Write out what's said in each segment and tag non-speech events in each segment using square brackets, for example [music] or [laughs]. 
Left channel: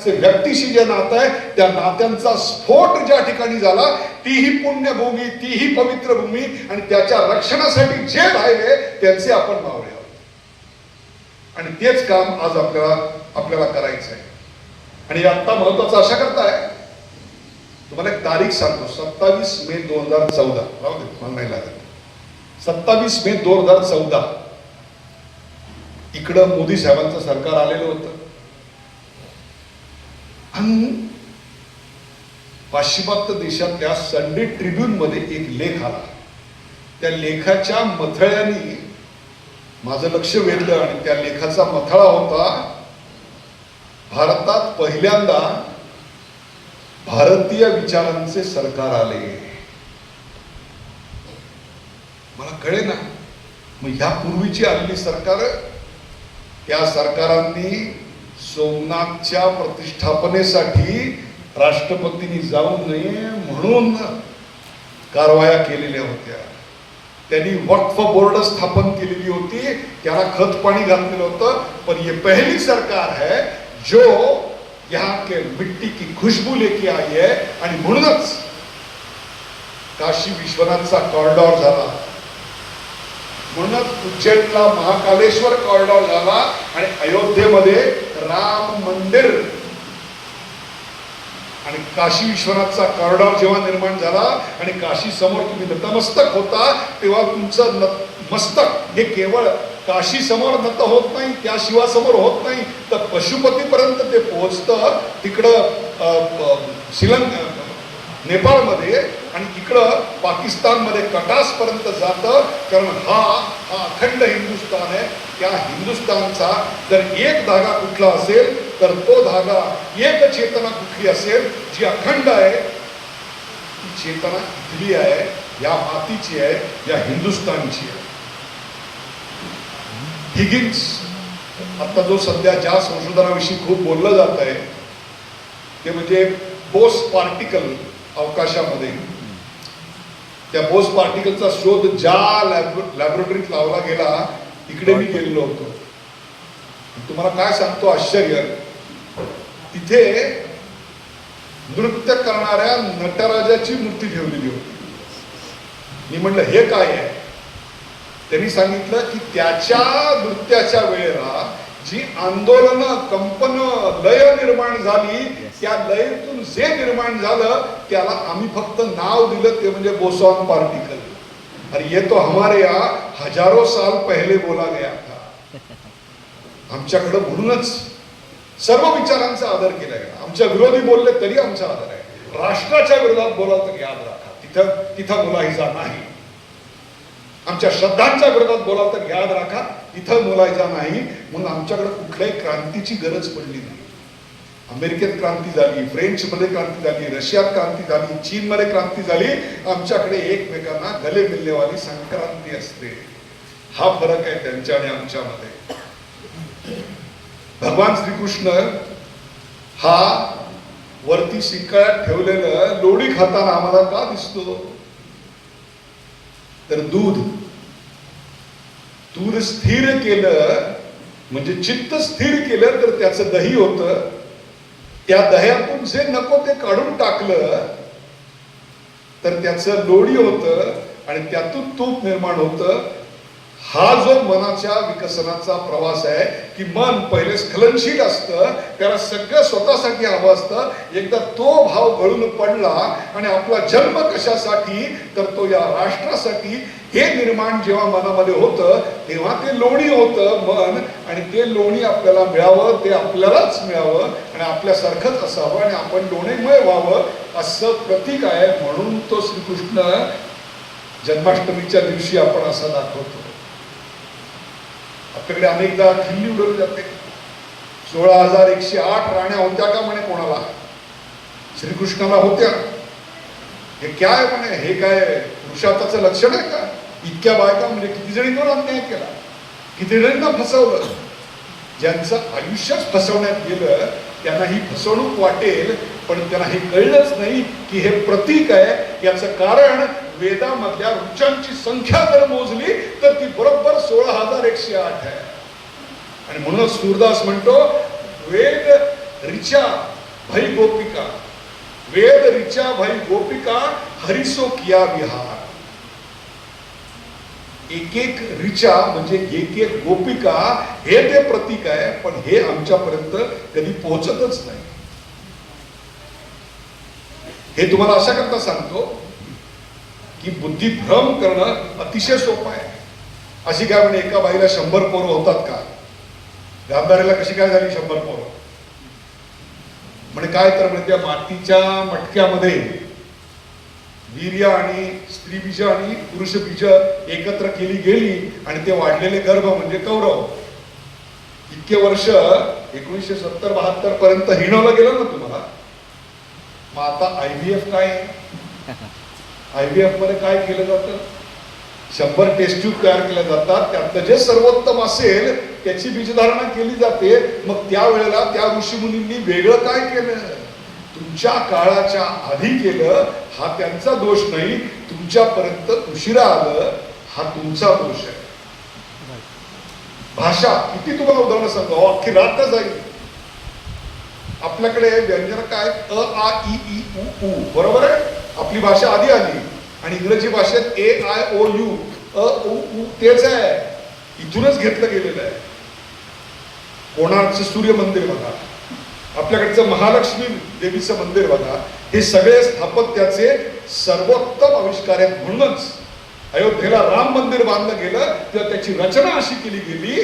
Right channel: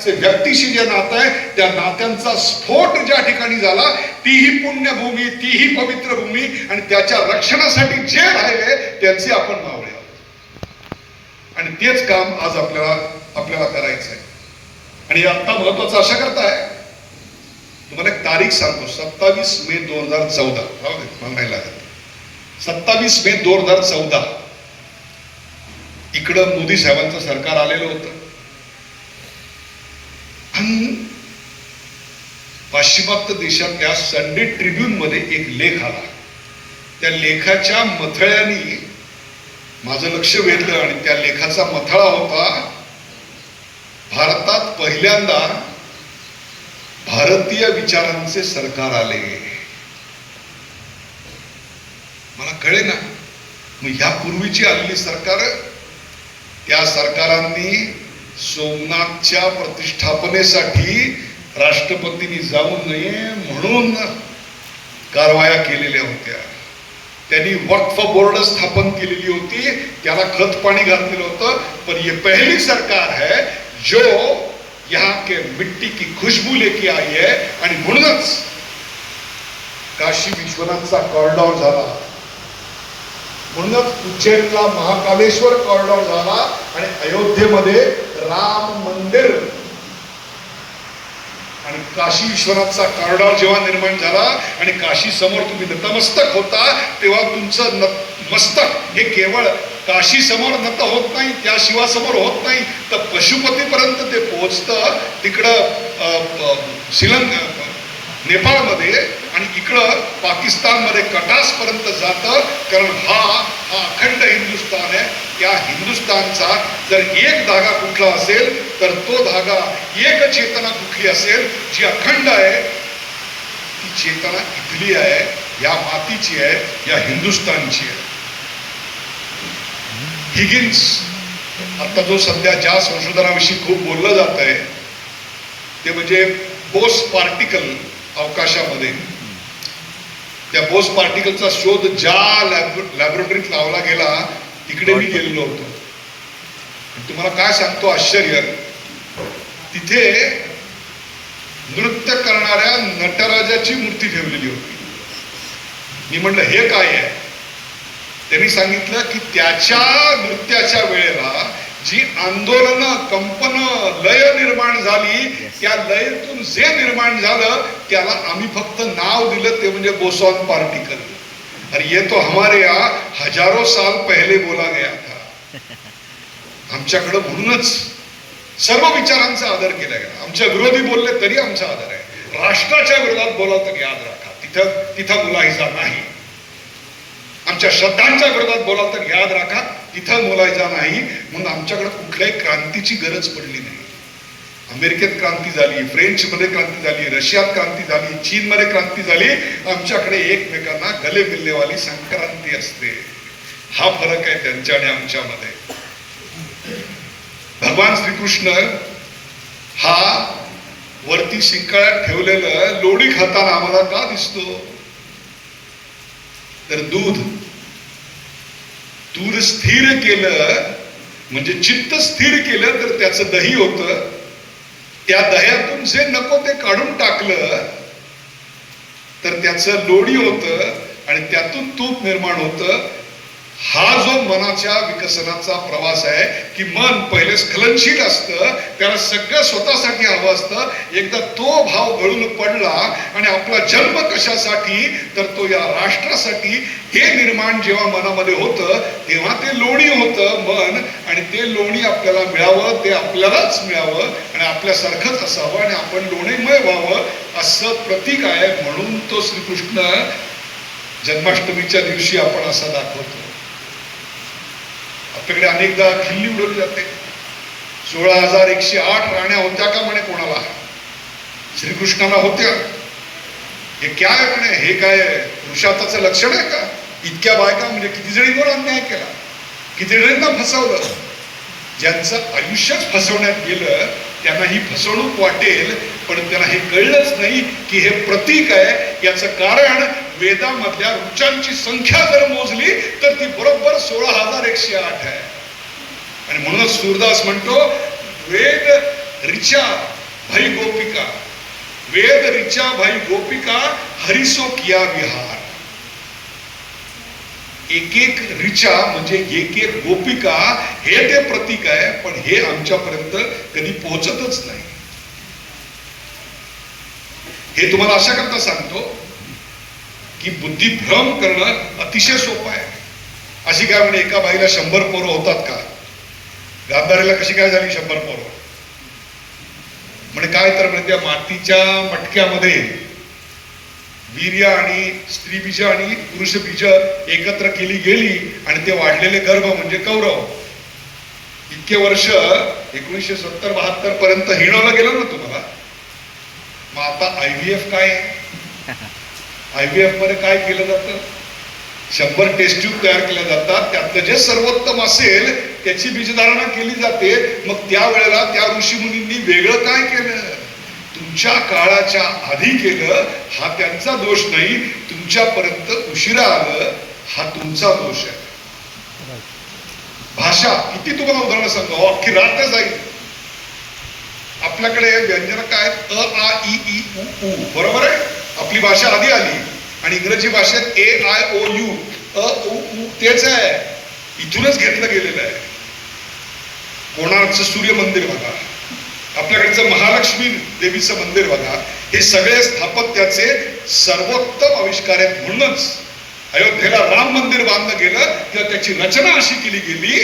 असे व्यक्तीशी जे नातं आहे त्या नात्यांचा स्फोट ज्या ठिकाणी झाला तीही पुण्यभूमी तीही पवित्र भूमी आणि त्याच्या रक्षणासाठी जे राहिले त्यांचे आपण नाव आहोत. आणि तेच काम आज आपल्याला आपल्याला करायचं आहे आणि आता महत्वाचं अशा करताय. तुम्हाला एक तारीख सांगतो. सत्तावीस मे दोन हजार चौदा. म्हणायला सत्तावीस मे दोन हजार चौदा. इकडं मोदी साहेबांचं सरकार आलेलं होतं. आणि पाश्चिमात्य देशातल्या संडे ट्रिब्यून मध्ये एक लेख आला. त्या लेखाच्या मथळ्याने माझं लक्ष वेधलं आणि त्या लेखाचा मथळा होता भारतात पहिल्यांदा भारतीय विचारांचे सरकार आले. मला कळे ना मग ह्या पूर्वीची आलेली सरकार त्या सरकारांनी सोमनाथच्या प्रतिष्ठापनेसाठी राष्ट्रपतींनी जाऊ नये म्हणून कारवाया केलेल्या होत्या. त्यांनी वक्फ बोर्ड स्थापन केलेली होती त्याला खत पाणी घातलेलं होतं पण ये पहिली सरकार है जो यहाँ के मिट्टी की खुशबू लेके आई है आणि म्हणूनच काशी विश्वनाथचा कॉरिडॉर झाला. म्हणूनच उज्जैनला महाकालेश्वर कॉरिडॉर झाला आणि अयोध्येमध्ये राम मंदिर. आणि काशी विश्वनाथचा कॉरिडॉर जेव्हा निर्माण झाला आणि काशी समोर तुम्ही नतमस्तक होता तेव्हा तुमचं नतमस्तक हे केवळ काशी समोर नत होत नाही त्या शिवासमोर होत नाही तर पशुपतीपर्यंत ते पोहोचतं तिकडं श्रीलंक नेपाळमध्ये आणि इकडं पाकिस्तानमध्ये कटासपर्यंत जातं कारण हा हा अखंड त्या हिंदुस्थानचा जर एक धागा कुठला असेल तर तो धागा एक चेतना कुठली असेल जी अखंड आहे ती चेतना इथली आहे? या मातीची आहे या हिंदुस्थानची आहे. हिगिन्स आता जो सध्या ज्या संशोधनाविषयी खूप बोललं जात आहे ते म्हणजे बोस पार्टिकल अवकाशामध्ये. त्या बोस पार्टिकलचा शोध ज्या लॅब लॅबोरेटरीत लावला गेला तिकडे मी गेलेलो होतो. तुम्हाला काय सांगतो आश्चर्य. तिथे नृत्य करणाऱ्या नटराजाची मूर्ती ठेवलेली होती. मी म्हटलं हे काय आहे? त्यांनी सांगितलं की त्याच्या नृत्याच्या वेळेला जी आंदोलन कंपन लय निर्माण झाली त्या लयतून जे निर्माण झालं त्याला आम्ही फक्त नाव दिलं ते म्हणजे बोसॉन पार्टिकल अरे ये तो हमारे यहाँ हजारो साल पहले बोला गया था। आमच्याकडं म्हणूनच सर्व विचारांचा आदर केला गेला. आमच्या विरोधी बोलले तरी आमचा आदर आहे. राष्ट्राच्या विरोधात बोला तर याद राखा. तिथं तिथं मुलाहिजा नाही. आमच्या श्रद्धांच्या विरोधात बोला तर याद राखा. तिथं बोलायचा नाही. म्हणून आमच्याकडे कुठल्याही क्रांतीची गरज पडली नाही. अमेरिकेत क्रांती झाली फ्रेंचमध्ये क्रांती झाली रशियात क्रांती झाली चीनमध्ये क्रांती झाली आमच्याकडे एकमेकांना गले मिलनेवाली संक्रांती असते. हा फरक आहे त्यांच्या आणि आमच्यामध्ये. भगवान श्रीकृष्ण हा वरती शिंकाळ्यात ठेवलेलं लोणी खाताना आम्हाला का दिसतो? तर दूध. दूध स्थिर केलं म्हणजे चित्त स्थिर केलं तर त्याचं दही होतं. त्या दह्यातून जे नको ते काढून टाकलं तर त्याचं लोणी होतं आणि त्यातून तूप निर्माण होतं. हा जो मनाच्या विकसनाचा प्रवास आहे की मन पहिले स्खलनशील असतं त्याला सगळं स्वतःसाठी हवं असतं. एकदा तो भाव गळून पडला आणि आपला जन्म कशासाठी तर तो या राष्ट्रासाठी. हे निर्माण जेव्हा मनामध्ये होतं तेव्हा ते लोणी होतं मन आणि ते लोणी आपल्याला मिळावं ते आपल्यालाच मिळावं आणि आपल्यासारखंच असावं आणि आपण लोणीमय व्हावं असं प्रतीक आहे. म्हणून तो श्रीकृष्ण जन्माष्टमीच्या दिवशी आपण असा दाखवतो. आपल्याकडे अनेकदा खिल्ली उडवली जाते. सोळा हजार एकशे आठ राण्या होत्या का म्हणे कोणाला? श्रीकृष्णाला होत्या. हे काय म्हणे? हे काय पुरुषार्थाचं लक्षण आहे का? इतक्या बायका म्हणजे किती जणींवर अन्याय केला? किती जणींना फसवलं? ज्यांचं आयुष्यच फसवण्यात गेलं त्यांना ही फसवणूक वाटेल पण त्यांना हे कळलंच नाही की हे प्रतीक आहे. याचं कारण वेदामधल्या ऋचांची संख्या जर मोजली तर ती बरोबर सोळा हजार एकशे आठ आहे. आणि म्हणूनच सूरदास म्हणतो वेद ऋचा भाई गोपिका. वेद ऋचा भाई गोपिका हरिसो किया विहार. एक एक ऋचा म्हणजे एक एक गोपिका हे ते प्रतीक आहे पण हे आमच्यापर्यंत कधी पोहोचतच नाही. हे तुम्हाला अशा करता सांगतो की बुद्धिभ्रम करणं अतिशय सोपं आहे. अशी काय म्हणजे एका बाईला शंभर पोरं होतात का? गांधारीला कशी काय झाली शंभर पोरं? म्हणजे काय तर म्हणजे त्या मातीच्या मटक्यामध्ये वीर्य आणि स्त्री बीज आणि पुरुष बीज एकत्र केली गेली आणि ते वाढलेले गर्भ म्हणजे कौरव. इतके वर्ष एकोणीसशे सत्तर बहात्तर पर्यंत हिणवलं गेलं ना तुम्हाला? मग आता आय व्ही एफ काय आहे? [laughs] आय व्ही एफमध्ये काय केलं जातं? शंभर टेस्ट ट्यूब तयार केल्या जातात. त्यातलं जे सर्वोत्तम असेल त्याची बीजधारणा केली जाते. मग त्यावेळेला त्या ऋषी मुनींनी वेगळं काय केलं? तुमच्या काळाच्या आधी केलं हा त्यांचा दोष नाही. तुमच्यापर्यंत उशिरा आलं हा तुमचा दोष आहे. भाषा किती तुम्हाला उदाहरणं सांगतो अख्खी रात्र जाईल. आपल्याकडे व्यंजन काय? अ आ इ ई उ उ. बरोबर आहे? आपली भाषा आधी आली. आणि इंग्रजी भाषेत ए आय ओ यू अ उ तेच आहे. इथूनच घेतलं गेलेलं आहे. कोणार्कचं सूर्य मंदिर बघा. आपल्याकडचं महालक्ष्मी देवीचं मंदिर बघा. हे सगळे स्थापत्याचे सर्वोत्तम आविष्कार आहेत म्हणूनच. अयोध्येला राम मंदिर बांधलं गेलं तेव्हा त्याची रचना अशी केली गेली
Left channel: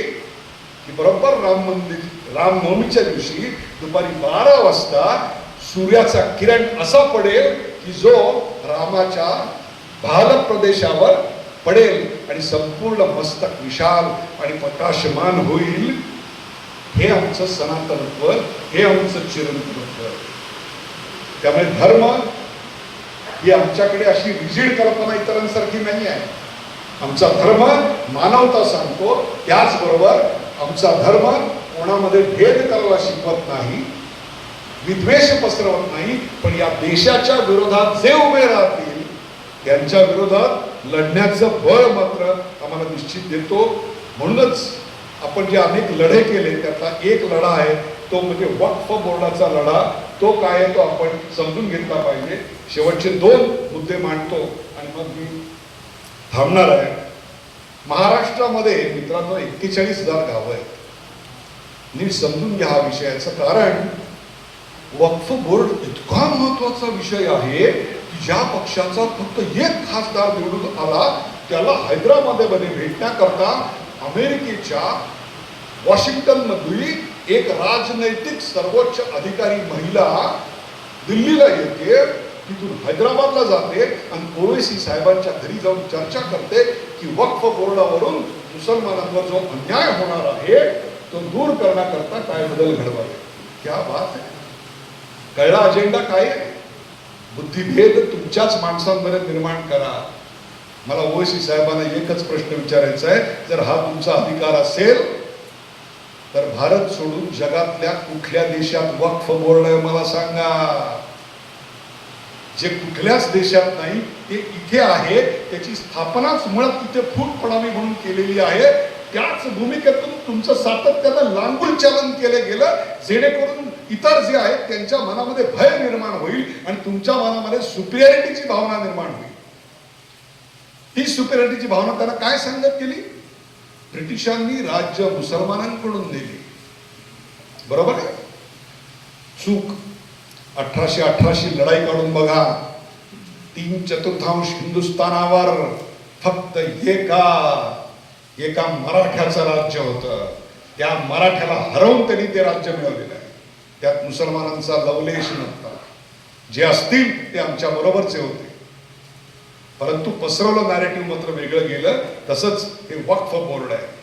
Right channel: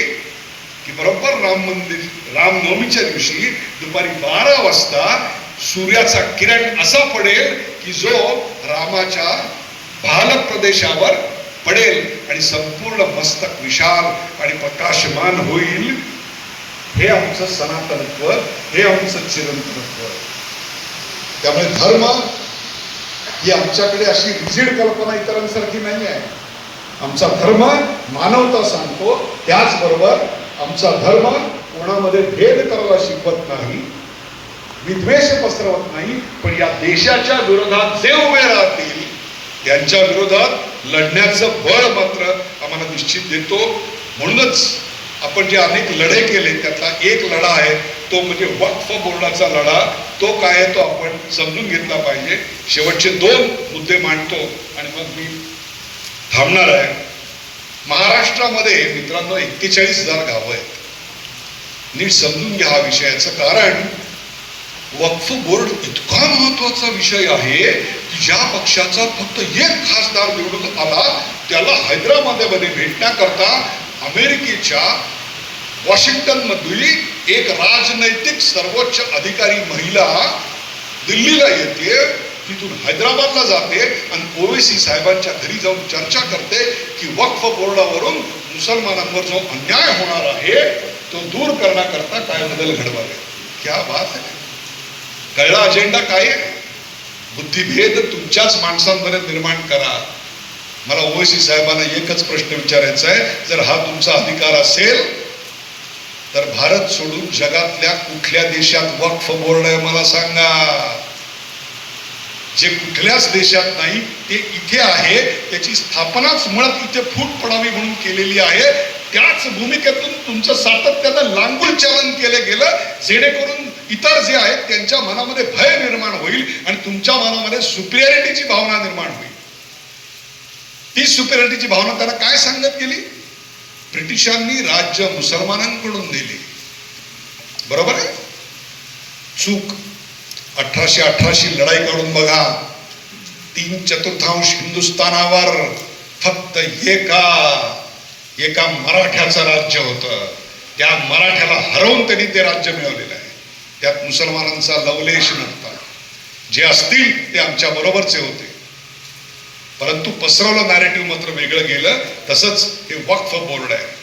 की बरोबर राम मंदिर रामनवमीच्या दिवशी दुपारी बारा वाजता सूर्याचा किरण असा पडेल की जो रामाच्या भाल प्रदेशावर पडेल आणि संपूर्ण मस्तक विशाल आणि प्रकाशमान होईल हे आमचं सनातनत्व हे आमचं चिरंतनत्व. त्यामुळे धर्म ही आमच्याकडे अशी रिजिड कल्पना इतरांसारखी नाही आहे. आमचा धर्म मानवता सांगतो त्याचबरोबर आमचा धर्म कोणामध्ये भेद करायला शिकवत नाही. विद्वेष पसरवत नाही पण या देशाच्या विरोधात जे उभे राहतील त्यांच्या विरोधात लढण्याचं बळ मात्र आम्हाला निश्चित देतो. म्हणूनच आपण जे अनेक लढे केले त्यातला एक लढा आहे तो म्हणजे वक्फ बोर्डाचा लढा. तो काय आहे तो आपण समजून घेतला पाहिजे. शेवटचे दोन मुद्दे मांडतो आणि मग मी थांबणार आहे. महाराष्ट्रामध्ये मित्रांनो एक्केचाळीस हजार गावं आहेत. नीट समजून घ्या हा विषयाचं कारण. वक्फ बोर्ड इतका महत्त्वाचा विषय आहे की ज्या पक्षाचा फक्त एक खासदार निवडून आला त्याला हैदराबादमध्ये भेटण्याकरता अमेरिकेच्या वॉशिंग्टन मधली एक राजनैतिक सर्वोच्च अधिकारी महिला दिल्लीला येते तिथून हैदराबादला जाते आणि ओवेसी साहेबांच्या घरी जाऊन चर्चा करते की वक्फ बोर्डावरून मुसलमानांवर जो अन्याय होणार आहे तो दूर करण्याकरता काय बदल घडवावे. क्या बात आहे कळला अजेंडा काय? बुद्धिभेद तुमच्याच माणसांमध्ये निर्माण करा. मला ओवैसी साहेबांना एकच प्रश्न विचारायचा आहे. जर हा तुमचा अधिकार असेल तर भारत सोडून जगातल्या कुठल्या देशात वक्फ बोर्ड आहे मला सांगा. जे कुठल्याच देशात नाही ते इथे आहे. त्याची स्थापनाच मुळात इथे फूट पडावी म्हणून केलेली आहे. त्याच भूमिकेतून तुमचं सातत्यानं लांगूल चलन केलं गेलं. जेणेकरून इतर जे आहेत त्यांच्या मनामध्ये भय निर्माण होईल आणि तुमच्या मनामध्ये सुपिरियरिटीची भावना निर्माण होईल. ती सुपिरियरिटीची भावना त्यांना काय सांगत गेली? ब्रिटिशांनी राज्य मुसलमानांकडून दिले बरोबर आहे? चूक. अठराशे अठराशे लढाई काढून बघा. तीन चतुर्थांश हिंदुस्थानावर फक्त एका एका मराठ्याचं राज्य होतं. त्या मराठ्याला हरवून त्यांनी ते राज्य मिळवलेलं त्यात मुसलमानांचा लवलेश नव्हता. जे असतील ते आमच्या बरोबरचे होते. परंतु पसरवलं नॅरेटिव्ह मात्र वेगळं गेलं. तसंच हे वक्फ बोर्ड आहे.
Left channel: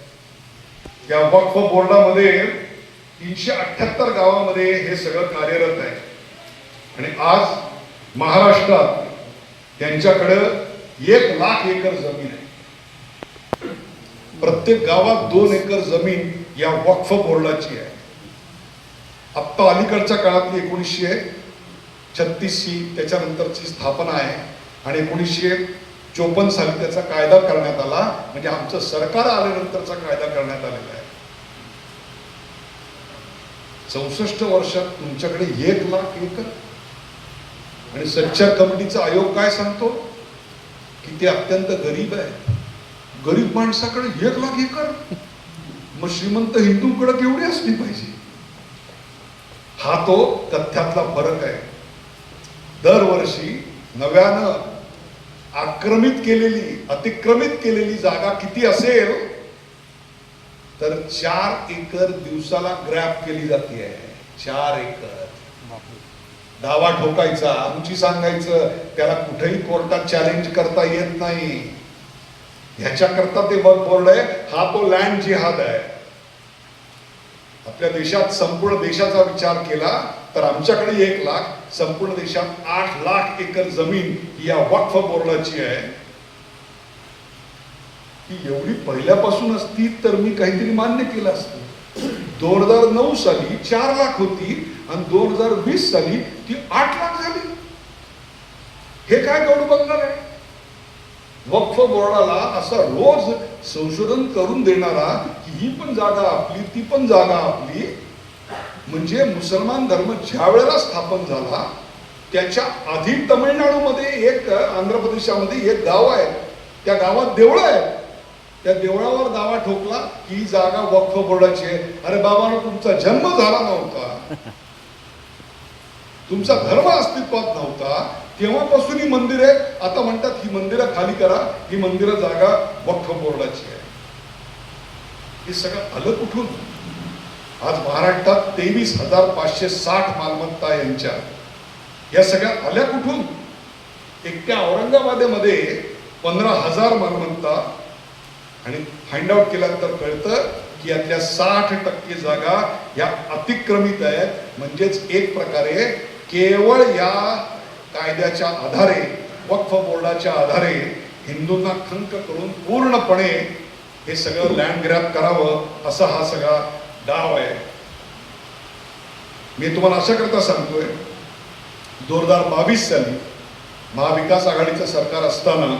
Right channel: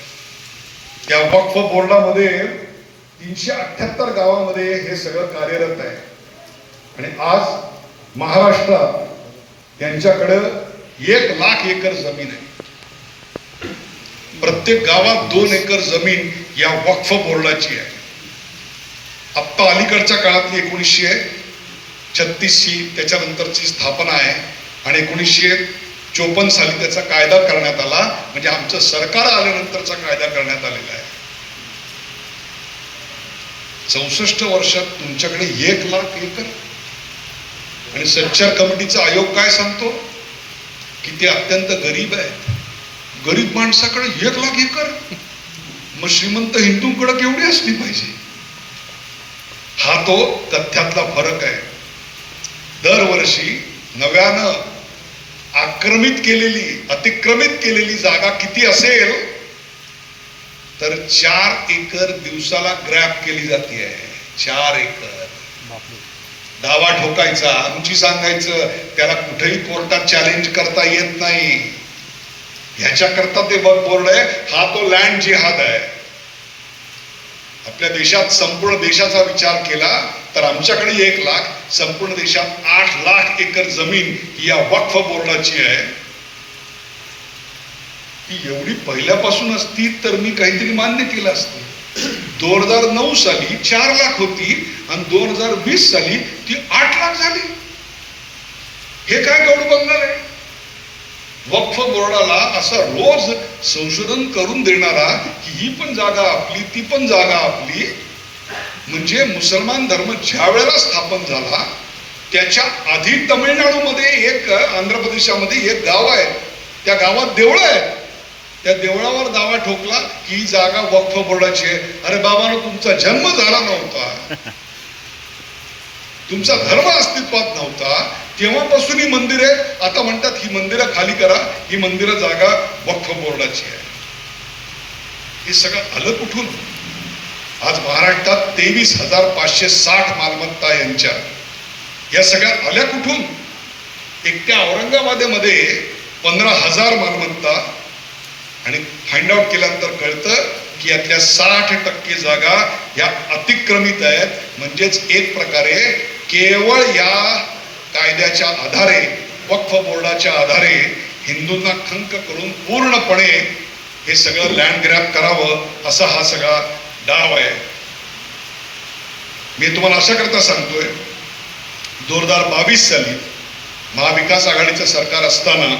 त्या वक्फ बोर्डामध्ये तीनशे अठ्याहत्तर गावामध्ये हे सगळं कार्यरत आहे. आणि आज महाराष्ट्रात त्यांच्याकडं एक लाख एकर जमीन आहे. प्रत्येक गावात दोन एकर जमीन या वक्फ बोर्डाची आहे. आत्ता अलीकडच्या काळातली एकोणीसशे छत्तीसशी त्याच्यानंतरची स्थापना आहे आणि एकोणीसशे चोपन्न साली त्याचा कायदा करण्यात आला म्हणजे आमचं सरकार आल्यानंतरचा कायदा करण्यात आलेला आहे. चौसष्ट वर्षात तुमच्याकडे एक लाख एकर. आणि सच्चार कमिटीचा आयोग काय सांगतो? की ते अत्यंत गरीब आहे गरीब माणसाकडे एक लाख एकर. मग श्रीमंत हिंदूंकडे केवढी असली पाहिजे? हा तो तथ्यातला फरक आहे. दरवर्षी नव्यानं आक्रमित केलेली अतिक्रमित केलेली जागा किती असेल तर चार एकर दिवसाला ग्रॅप केली जाते. चार एकर. दावा ठोकायचा आमची सांगायचं त्याला कुठेही कोर्टात चॅलेंज करता येत नाही. ह्याच्याकरता ते बोर्ड आहे हा तो लँड जिहाद आहे. आपल्या देशात संपूर्ण देशाचा विचार केला तर आमच्याकडे एक लाख संपूर्ण देशात आठ लाख एकर जमीन ही या वक्फ बोर्डाची आहे. ती एवढी पहिल्यापासून असती तर मी काहीतरी मान्य केलं असतं. दोन हजार नऊ साली चार लाख होती आणि दोन हजार वीस साली ती आठ लाख झाली. हे काय गौड बंगाल आहे? वक्फ बोर्डाला असा रोज संशोधन करून देणारा की ही पण जागा आपली ती पण जागा आपली. म्हणजे मुसलमान धर्म ज्या वेळेला स्थापन झाला त्याच्या आधी तमिळनाडूमध्ये एक आंध्र प्रदेशामध्ये एक गाव आहे. त्या गावात देवळं आहे त्या देवळावर दावा ठोकला की ही जागा वक्फ बोर्डाची आहे. अरे बाबानो तुमचा जन्म झाला नव्हता. तुमचा धर्म अस्तित्वात नव्हता. तेव्हापासून ही मंदिरे आता म्हणतात ही मंदिरं खाली करा. ही मंदिरं जागा वक्फ बोर्डाची आहे. हे सगळं आलं कुठून? आज महाराष्ट्रात तेवीस हजार पाचशे साठ मालमत्ता यांच्या. या सगळ्या आल्या कुठून? एकट्या औरंगाबादेमध्ये पंधरा हजार मालमत्ता. आणि फाइंड आउट केल्यानंतर कळतं की यातल्या साठ टक्के जागा या अतिक्रमित आहेत. म्हणजेच एक प्रकारे केवळ या कायद्याच्या आधारे वक्फ बोर्डाच्या आधारे हिंदूंना खंक करून पूर्णपणे हे सगळं लँड ग्रॅप करावं असा हा सगळा डाव आहे. मी तुम्हाला अशा करता सांगतोय दोन हजार बावीस साली महाविकास आघाडीचं सरकार असताना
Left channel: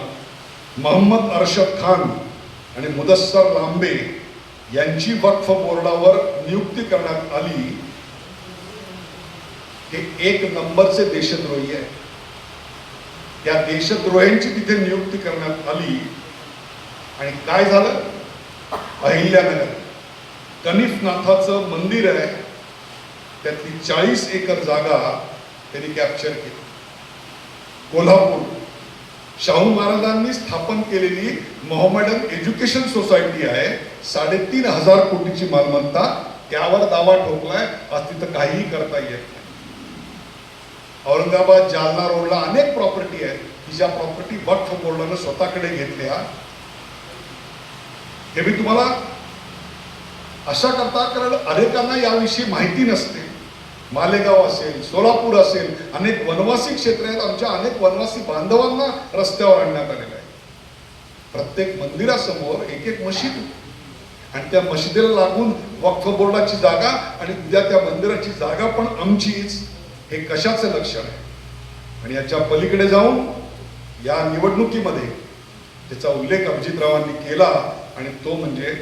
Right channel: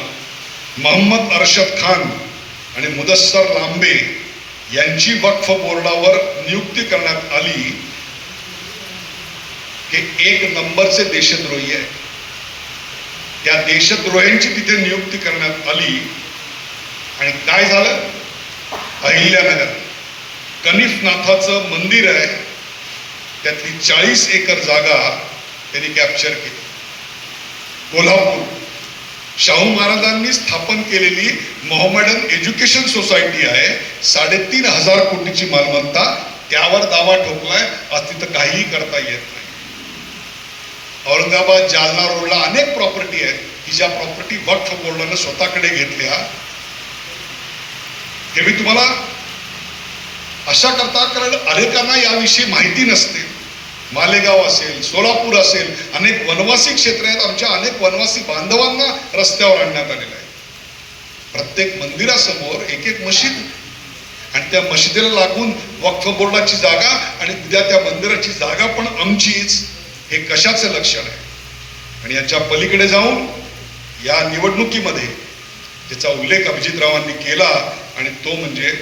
मोहम्मद अरशद खान आणि मुदस्सर लांबे यांची वक्फ बोर्डावर नियुक्ती करण्यात आली हे एक नंबरचे देशद्रोही आहे. त्या देशद्रोह्यांची तिथे नियुक्ती करण्यात आली. आणि काय झालं? अहिल्यानगर कनिफनाथाचं मंदिर आहे. त्यातली चाळीस एकर जागा त्यांनी कॅप्चर केली. कोल्हापूर शाहू महाराजांनी स्थापन केलेली मोहम्मडन एज्युकेशन सोसायटी आहे. साडेतीन हजार कोटीची मालमत्ता त्यावर दावा ठोकलाय. आज तिथं काहीही करता येत नाही. औरंगाबाद जालना रोडला अनेक प्रॉपर्टी आहेत. की ज्या प्रॉपर्टी वक्फ बोर्डानं स्वतःकडे घेतल्या. हे मी तुम्हाला अशा करता कारण अनेकांना याविषयी माहिती नसते. मालेगाव असेल सोलापूर असेल अनेक वनवासी क्षेत्र आहेत. आमच्या अनेक वनवासी बांधवांना रस्त्यावर आणण्यात आलेलं आहे प्रत्येक मंदिरासमोर एक एक मशीद. आणि त्या मशिदीला लागून वक्फ बोर्डाची जागा आणि उद्या त्या मंदिराची जागा पण आमचीच. हे कशाचं लक्षण आहे? आणि याच्या पलीकडे जाऊन या निवडणुकीमध्ये ज्याचा उल्लेख अभिजितरावांनी केला आणि तो म्हणजे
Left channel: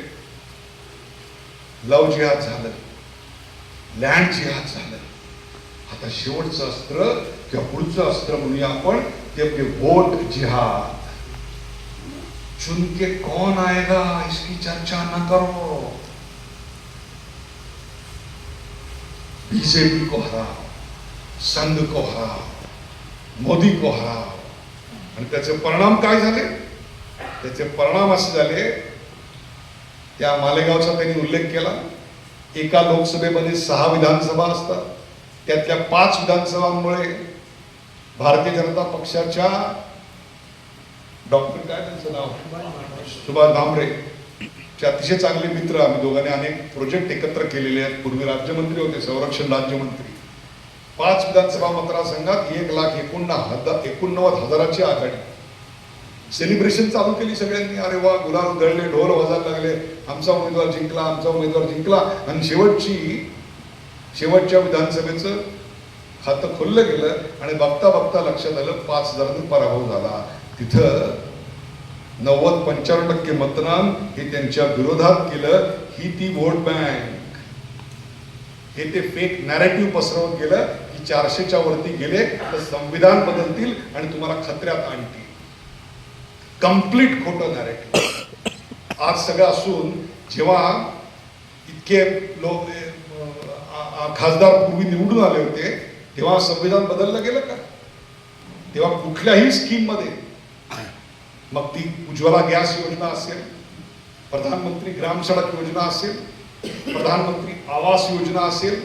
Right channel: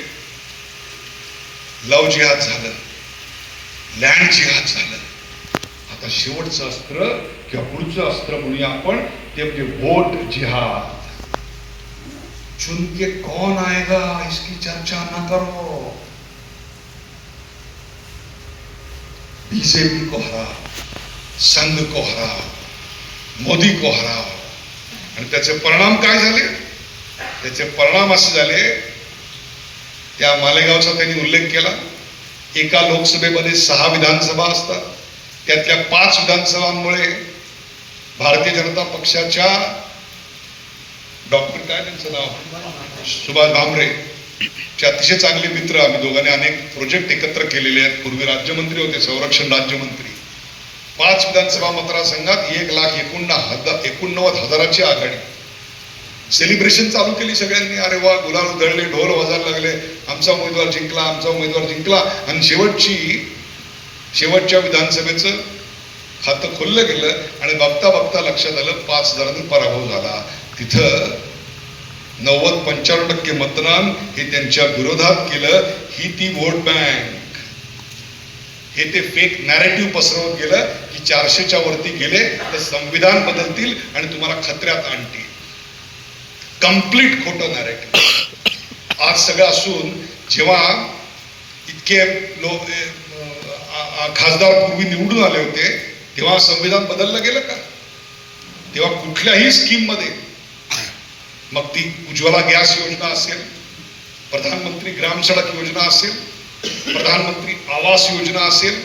लव जिहाद झालं लँड जिहाद झालं. आता शेवटचं अस्त्र किंवा पुढचं अस्त्र म्हणूया आपण ते म्हणजे वोट जिहाद. चुनके कोण कौन आएगा इसकी चर्चा ना करो. बीजेपी को हरा. संघ को हराओ मोदी को हराओ. आणि त्याचे परिणाम काय झाले? त्याचे परिणाम असे झाले त्या मालेगावचा त्यांनी उल्लेख केला एका लोकसभेमध्ये सहा विधानसभा असतात. त्यातल्या पाच विधानसभांमुळे भारतीय जनता पक्षाच्या डॉक्टर काय त्यांचं नाव? सुभाष भामरे चे अतिशय चांगले मित्र आम्ही दोघांनी अनेक प्रोजेक्ट एकत्र केलेले आहेत. पूर्वी राज्यमंत्री होते संरक्षण राज्यमंत्री. पाच विधानसभा मतदारसंघात एक लाख एकोणना हजार एकोणनव्वद हजाराची आघाडी. सेलिब्रेशन चालू केली सगळ्यांनी. अरे वा गुलाल उधळले ढोल वाजायला लागले. आमचा उमेदवार जिंकला आमचा उमेदवार जिंकला. आणि शेवटची शेवटच्या विधानसभेचं खातं खोललं गेलं आणि बघता बघता लक्षात आलं पाच हजारातून पराभव झाला. तिथं नव्वद पंच्याण्णव टक्के मतदान हे त्यांच्या विरोधात केलं. ही ती वोट बँक हे ते फेक नॅरेटिव्ह पसरवत गेलं की चारशेच्या वरती गेले तर संविधान बदलतील आणि तुम्हाला खतऱ्यात आणतील. कंप्लीट खोटं नॅरेटिव्ह आज सगळं असून जेव्हा इतके लोक खासदार पूर्वी निवडून आले होते तेव्हा संविधान बदललं गेलं का? तेव्हा कुठल्याही स्कीममध्ये मग ती उज्ज्वला गॅस योजना असेल प्रधानमंत्री ग्राम सडक योजना असेल प्रधानमंत्री आवास योजना असेल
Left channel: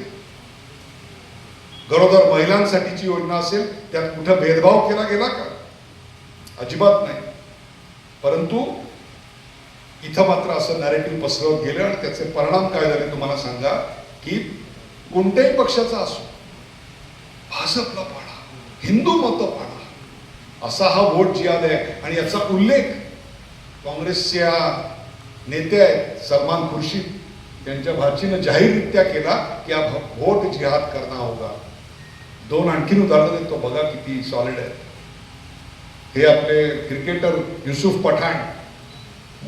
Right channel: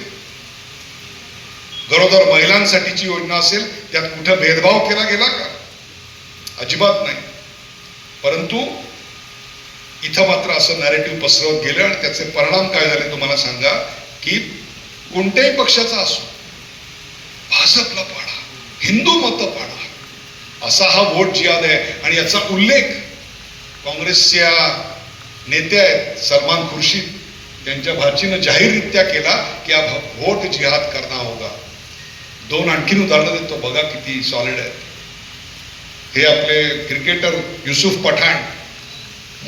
गरोदर महिलांसाठीची योजना असेल त्यात कुठं भेदभाव केला गेला का? अजिबात नाही. परंतु इथं मात्र असं नॅरेटिव्ह पसरवत गेलं आणि त्याचे परिणाम काय झाले तुम्हाला सांगा की कोणत्याही पक्षाचा असो भाजपला पाडा हिंदू मत पाडा असा हा वोट जिहाद आहे. आणि याचा उल्लेख काँग्रेसच्या नेते आहेत सलमान खुर्शीद त्यांच्या भाचीनं जाहीररित्या केला की हा वोट जिहाद करना होगा. दोन आणखीन उदाहरणं देतो बघा किती सॉलिड आहेत. हे आपले क्रिकेटर युसुफ पठाण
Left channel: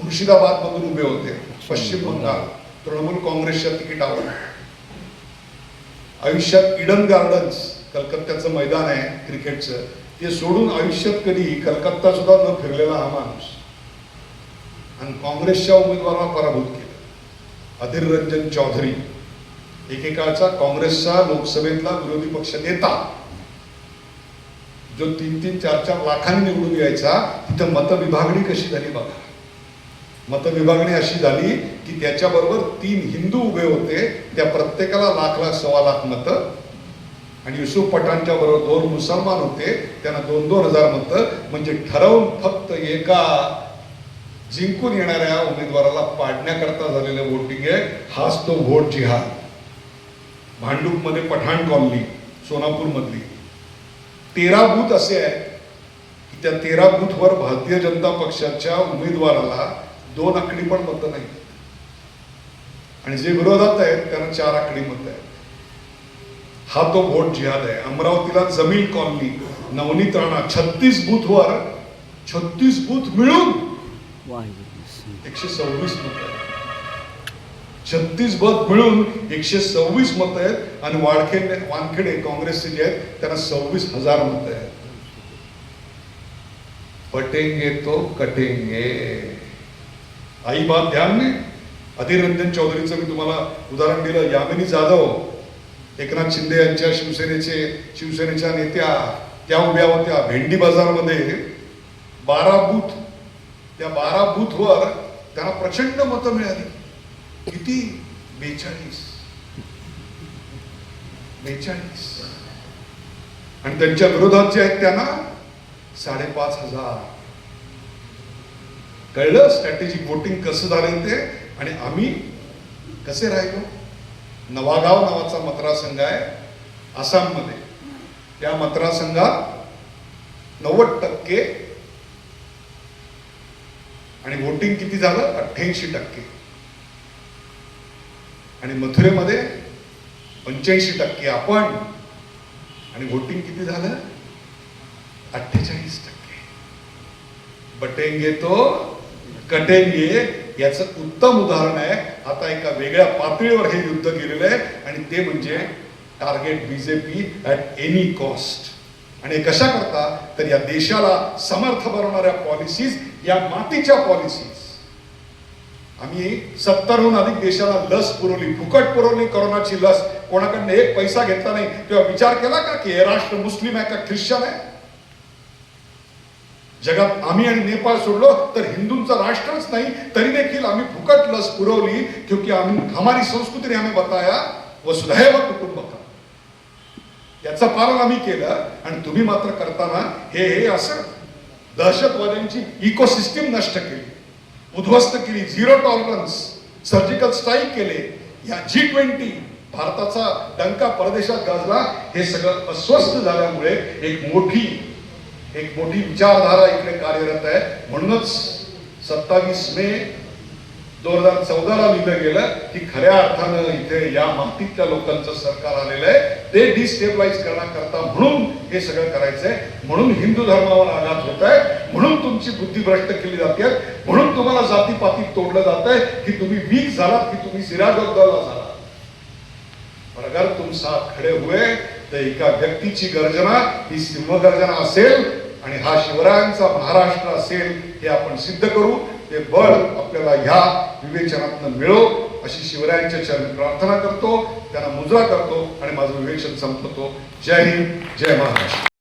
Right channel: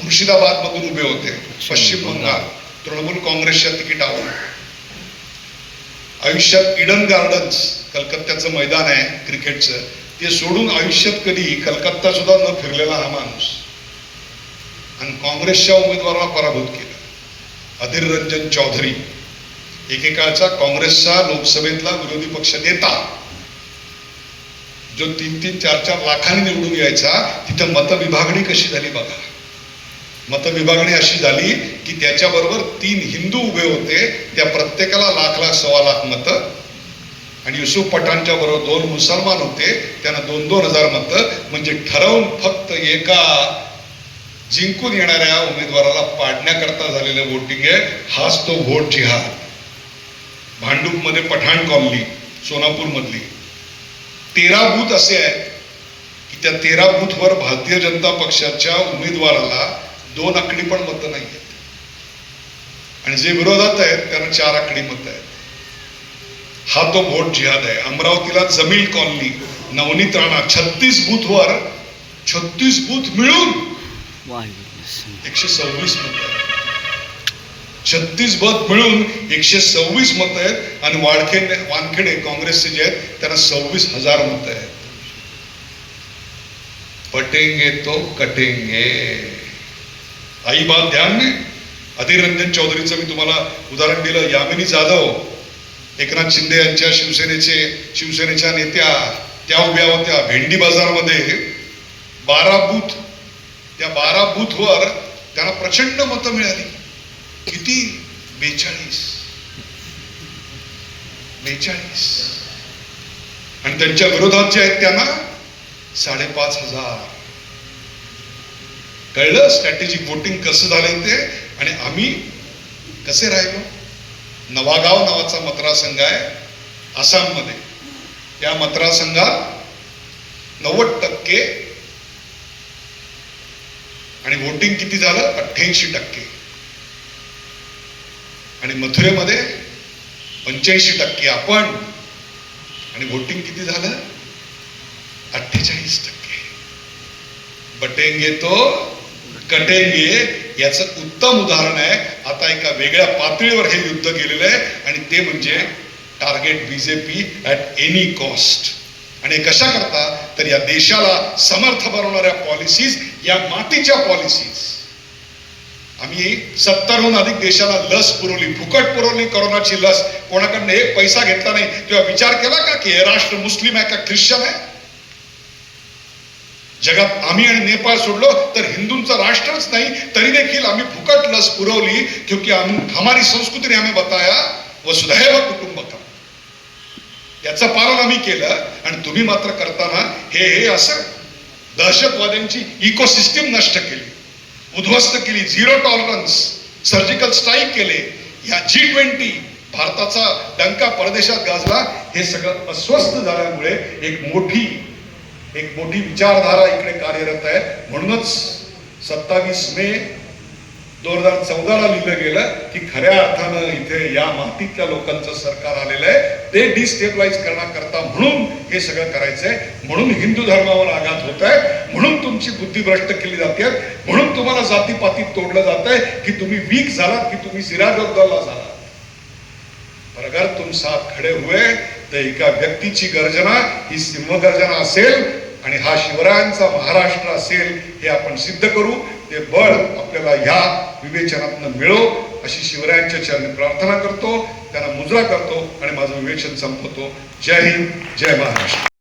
मुर्शिदाबाद मधून उभे होते पश्चिम बंगाल. तृणमूल काँग्रेसच्या तिकिटावर आयुष्यात इडन गार्डन्स कलकत्त्याचं मैदान आहे क्रिकेटचं. ते सोडून आयुष्यात कधी कलकत्ता सुद्धा न फिरलेला हा माणूस. आणि काँग्रेसच्या उमेदवाराला पराभूत केलं. अधीर रंजन चौधरी एकेकाळचा काँग्रेसचा लोकसभेतला विरोधी पक्ष नेता जो तीन तीन चार चार लाखांनी निवडून यायचा तिथं मतविभागणी कशी झाली बघा. मतविभागणी अशी झाली की त्याच्याबरोबर तीन हिंदू उभे होते त्या प्रत्येकाला लाख लाख सव्वा लाख मतं आणि युसुफ पठाणच्या बरोबर दोन मुसलमान होते त्यांना दोन दोन हजार मतं म्हणजे ठरवून फक्त एका जिंकून येणाऱ्या उमेदवाराला पाडण्याकरता झालेलं वोटिंग आहे. हाच तो व्होट जिहाद. भांडूपमध्ये पठाण कॉलनी सोनापूर मधली तेरा बूथ असे आहेत की त्या तेरा बूथवर भारतीय जनता पक्षाच्या उमेदवाराला दोन आकडी पण मतं नाही आहेत आणि जे विरोधात आहेत त्यांना चार आकडी मतं आहेत. हा तो व्होट जिहाद आहे. अमरावतीला जमीन कॉलनी नवनीत राणा छत्तीस बूथवर छत्तीस बूथ मिळून एकशे सव्वीस मत छत्तीस बत मिळून एकशे सव्वीस मत आहेत आणि वाडखेडे वानखेडे काँग्रेसचे जे आहेत त्यांना सव्वीस हजार मत आहेत. पटेंगे तो कटेंगे. आई बात ध्यान में अधीर रंजन चौधरीचं मी तुम्हाला उदाहरण दिलं यामिनी जाधव एकनाथ शिंदे यांच्या शिवसेनेचे शिवसेनेच्या नेत्या त्या उभ्या होत्या. भेंडी बाजारमध्ये बारा बूथ त्या बारा बूथवर त्यांना प्रचंड मतं मिळाली. किती? बेचाळीस. बेचाळीस. आणि त्यांच्या विरोधात जे आहेत त्यांना साडेपाच हजार. कळलं? स्ट्रॅटेजिक वोटिंग कसं झाले ते? आणि आम्ही कसे राहिलो? नवागाव नावाचा मतदारसंघ आहे आसाममध्ये. त्या मतदारसंघात नव्वद टक्के आणि वोटिंग किती झालं? अठ्ठ्याऐंशी टक्के. आणि मथुरेमध्ये पंच्याऐंशी टक्के आपण. आणि वोटिंग किती झालं? अठ्ठेचाळीस टक्के. बटेंगे तो कटेंगे याचं उत्तम उदाहरण आहे. आता एका वेगळ्या पातळीवर हे युद्ध केलेलं आहे. आणि ते म्हणजे target BJP at any cost आणि कशा करता तर या देशाला समर्थ बनवणाऱ्या पॉलिसीज या मातीच्या पॉलिसीज आम्ही सत्तरहून अधिक देशाला लस पुरवली. फुकट पुरवली कोरोनाची लस. कोणाकडनं एक पैसा घेतला नाही. तेव्हा विचार केला का की हे राष्ट्र मुस्लिम आहे का ख्रिश्चन आहे? जगात आम्ही आणि नेपाळ सोडलो तर हिंदूंचं राष्ट्रच नाही तरी देखील आम्ही फुकट लस पुरवली क्योंकि आम्ही हमारी संस्कृतीने आम्ही बताया वसुधैव कुटुंब याचं पालन आम्ही केलं आणि तुम्ही मात्र करताना हे हे असं दहशतवाद्यांची इकोसिस्टीम नष्ट केली उद्ध्वस्त केली झिरो टॉलरन्स सर्जिकल स्ट्राईक केले. या जी ट्वेंटी भारताचा डंका परदेशात गाजला हे सगळं अस्वस्थ झाल्यामुळे एक मोठी एक मोठी विचारधारा इकडे कार्यरत आहे. म्हणूनच सत्तावीस मे दोन हजार चौदाला लिहिलं गेलं की खऱ्या अर्थानं इथे या मातीतल्या लोकांचं सरकार आलेलं आहे. ते डिस्टेबलाइज करण्याकरता म्हणून हे सगळं करायचंय. म्हणून हिंदू धर्मावर आघात होत आहे म्हणून तुमची बुद्धी भ्रष्ट केली जाते. म्हणून तुम्हाला जातीपातीत तोडलं जात आहे की तुम्ही वीक झालात की तुम्ही सिराजउद्दौला झाला अगर तुम साथ खड़े हुए तर एका व्यक्तीची गर्जना ही सिंहगर्जना असेल आणि हा शिवरायांचा महाराष्ट्र असेल हे आपण सिद्ध करू. ते बळ आपल्याला ह्या विवेचनातनं मिळो अशी शिवरायांच्या चरणी प्रार्थना करतो त्यांना मुजरा करतो आणि माझं विवेचन संपवतो. जय हिंद जय महाराष्ट्र.